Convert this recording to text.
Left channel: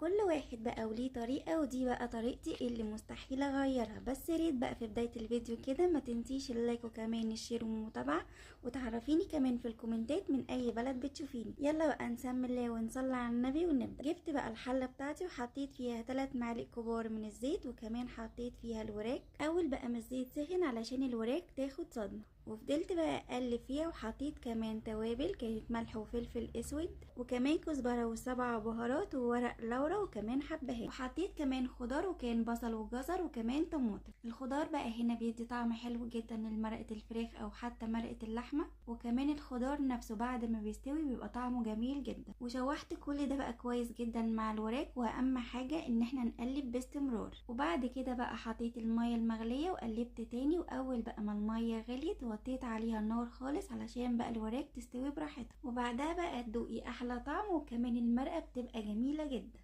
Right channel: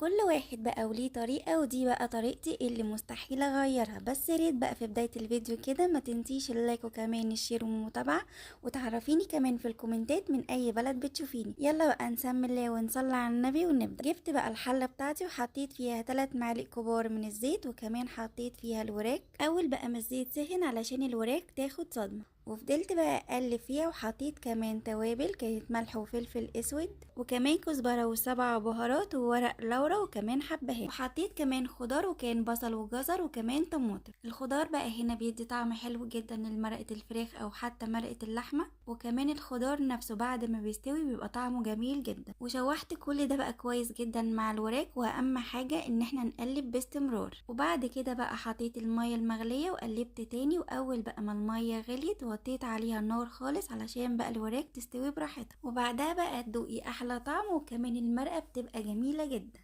كل واحد بقى وليه طريقة، ودي بقى طريقتي اللي مستحيل اغيرها. بس ياريت بقى في بداية الفيديو كده ما تنسيش اللايك وكمان الشير والمتابعة، وتعرفيني كمان في الكومنتات من اي بلد بتشوفيني. يلا بقى نسمي الله ونصلي على النبي ونبدأ. جبت بقى الحلة بتاعتي وحطيت فيها 3 معالق كبار من الزيت، وكمان حطيت فيها الوراك. اول بقى ما الزيت سخن علشان الوراك تاخد صدمة، وفضلت بقى اقلب فيها، وحطيت كمان توابل كانت ملح وفلفل اسود، وكمان كزبره و7 بهارات وورق لورا، وكمان حبهان، وحطيت كمان خضار وكان بصل وجزر وكمان طماطم. الخضار بقى هنا بيدي طعم حلو جدا لمرقه الفراخ او حتى مرقه اللحمه، وكمان الخضار نفسه بعد ما بيستوي بيبقى طعمه جميل جدا. وشوحت كل ده بقى كويس جدا مع الوراك، واهم حاجه ان احنا نقلب باستمرار. وبعد كده بقى حطيت الميه المغليه وقلبت تاني، واول بقى ما الميه غليت وطيت عليها النار خالص علشان بقى الوراك تستوي براحتها، وبعدها بقى تدوقي احلى طعم، وكمان المرقه بتبقى جميله جدا.